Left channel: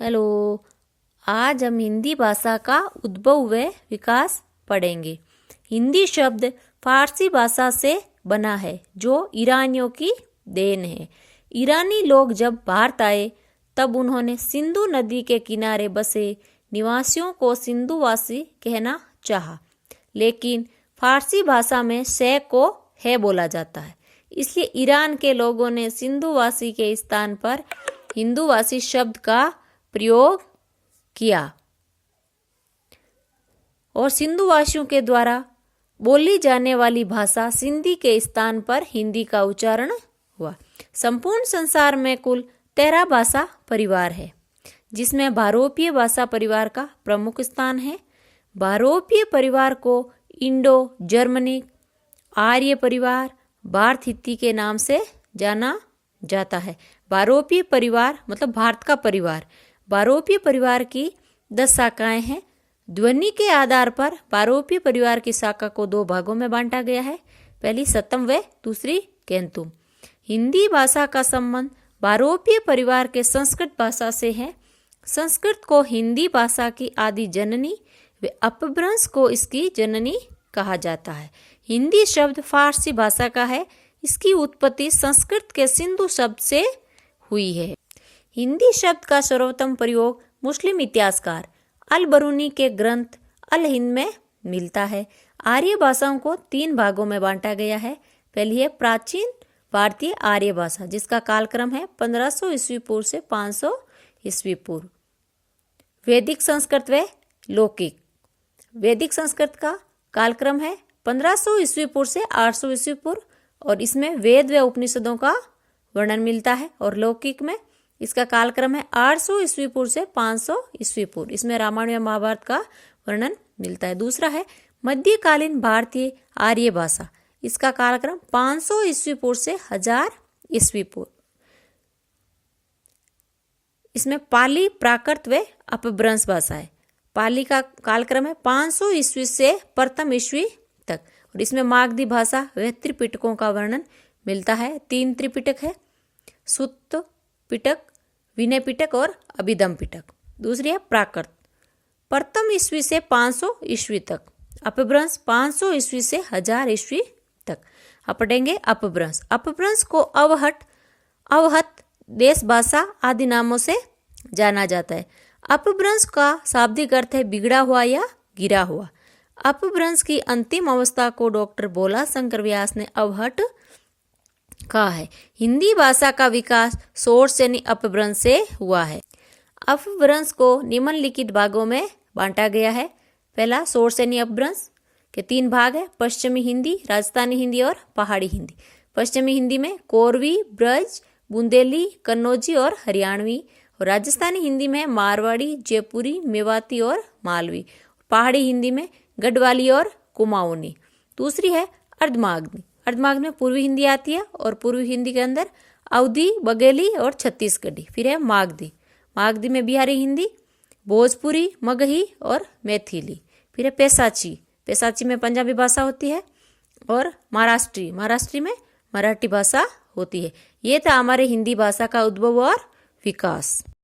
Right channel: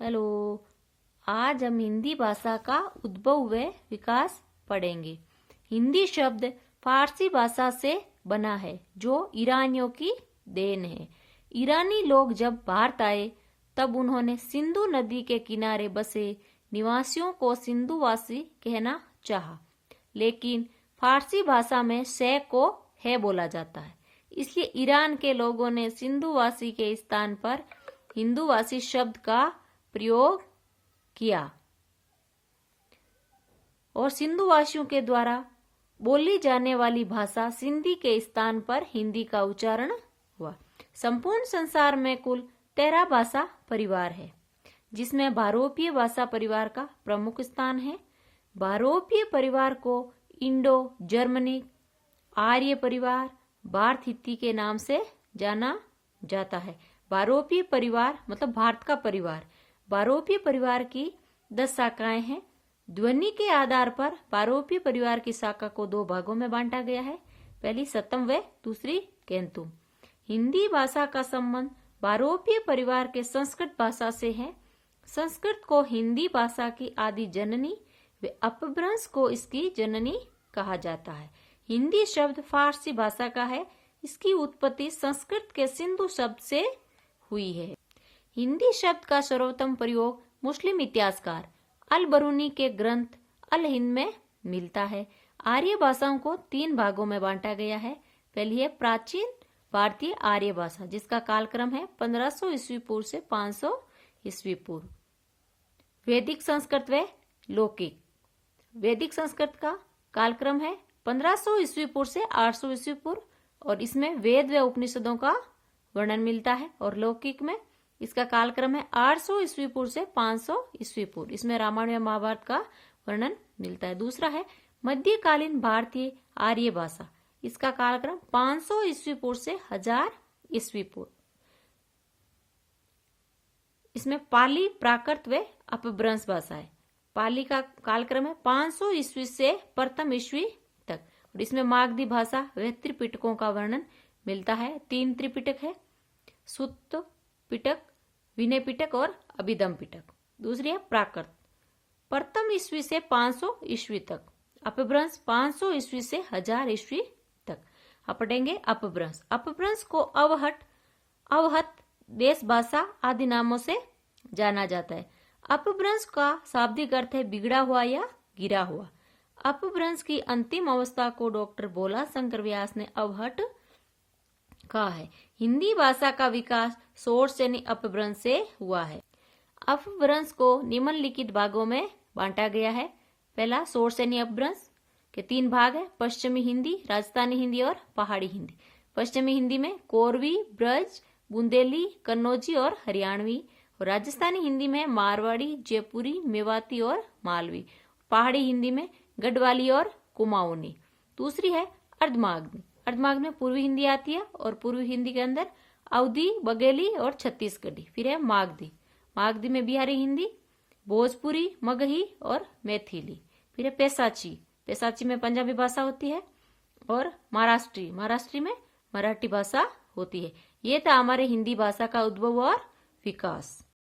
Hello. आज हम हिंदी भाषा का उद्भव व विकास पढ़ेंगे। हिंदी शब्द फारसी भाषा से बना है जो ईरानियों की देन है। ईरानी लोग जब भारत आए तब उन्होंने सिंधु नदी के किनारे बसे निवासियों को सिंधुवासी कहना चाहा, लेकिन फारसी भाषा में शे को है बोला जाता है, इसलिए ईरान के लोगों ने सिंधुवासी के स्थान पर हिंदूवासी शब्द का प्रयोग किया और सिंधुवासियों के द्वारा बोली जाने वाली भाषा सिंधी के स्थान पर हिंदी का उच्चारण हुआ। संपूर्ण संसार में कुल 13 भाषा परिवार है, जिसमें भारोपीय भाषा परिवार का प्रमुख स्थान है। भारोपीय परिवार को इंडो जर्मनिक, आर्य परिवार, भारत हित्ती के नाम से जाना जाता है। भारोपीय परिवार मतलब भारत का परिवार। भारोपीय परिवार की 10 शाखाएं हैं। ध्वनि के आधार पर भारोपीय परिवार की शाखा को 2 भागों में बांटा गया है, पहली सतम व दूसरी केंतुम। हिंदी भाषा का संबंध भारोपीय परिवार के संस्कृत भाषा से है। संस्कृत को हिंदी भाषा की आदि जननी व अपभ्रंश को इसकी जननी कहा जाता है। हिंदी शब्द फारसी भाषा का है। इसकी उत्पत्ति संस्कृत के सिंधु शब्द से हुई है। हिंदी शब्द का सर्वोत्तम प्रयोग मुस्लिम इतिहासकार अल बरूनी के ग्रंथ अल हिंद में मिलता है। आर्य भाषाओं को 3 भागों में बांटा गया है। पहली है प्राचीन भारतीय आर्य भाषा, जिसका कालक्रम है 1500 ईस्वी पूर्व से 500 ईस्वी पूर्व। वैदिक संस्कृत व लौकिक। वैदिक संस्कृत का कालक्रम है 1500 ईस्वी पूर्व से 800 ईस्वी पूर्व और इसमें वेद व उपनिषदों का वर्णन मिलता है। और लौकिक में इसका कालक्रम है 800 ईस्वी पूर्व से 500 ईस्वी पूर्व। इसमें रामायण या महाभारत का वर्णन मिलता है। दूसरा है मध्यकालीन भारतीय आर्य भाषा। इसका कालक्रम 500 ईस्वी पूर्व से 1000 ईस्वी पूर्व। इसमें पाली, प्राकृत व अपभ्रंश भाषा है। पाली का कालक्रम है 500 ईस्वी से प्रथम ईस्वी तक और इसमें मागधी भाषा व त्रिपिटकों का वर्णन मिलता है। 3 त्रिपिटक है, सुत्त पिटक, विनय पिटक और अभिधम पिटक। दूसरी है प्राकृत, प्रथम ईस्वी से 500 ईस्वी तक। अपभ्रंश 500 ईस्वी से 1000 ईस्वी तक। अब पढ़ेंगे अपभ्रंश। अपभ्रंश को अवहट, अवहत, देश भाषा आदि नामों से जाना जाता है। अपभ्रंश का शाब्दिक अर्थ है बिगड़ा हुआ या गिरा हुआ। अपभ्रंश की अंतिम अवस्था को डॉक्टर भोला शंकर व्यास ने अवहट कहा है। हिंदी भाषा का विकास शोरसेनी अपभ्रंश से हुआ है। अपभ्रंश को निम्नलिखित भागों में बांटा गया है। पहला शोरसेनी अपभ्रंश के 3 भाग है, पश्चिमी हिंदी, राजस्थानी हिंदी और पहाड़ी हिंदी। पश्चिमी हिंदी में कोरवी, ब्रज, बुंदेली, कन्नौजी और हरियाणवी। और राजस्थानी हिंदी में मारवाड़ी, जयपुरी, मेवाती और मालवी। पहाड़ी हिंदी में गढ़वाली और कुमाऊनी। दूसरी है अर्धमागधी। अर्धमागधी में पूर्वी हिंदी आती है और पूर्वी हिंदी के अंदर अवधी, बघेली और छत्तीसगढ़ी। फिर है मागधी। मागधी में बिहारी हिंदी, भोजपुरी, मगही और मैथिली। फिर है पैसाची। पैसाची में पंजाबी भाषा होती है और महाराष्ट्री। महाराष्ट्री में मराठी भाषा होती है। ये था हमारे हिंदी भाषा का उद्भव और विकास।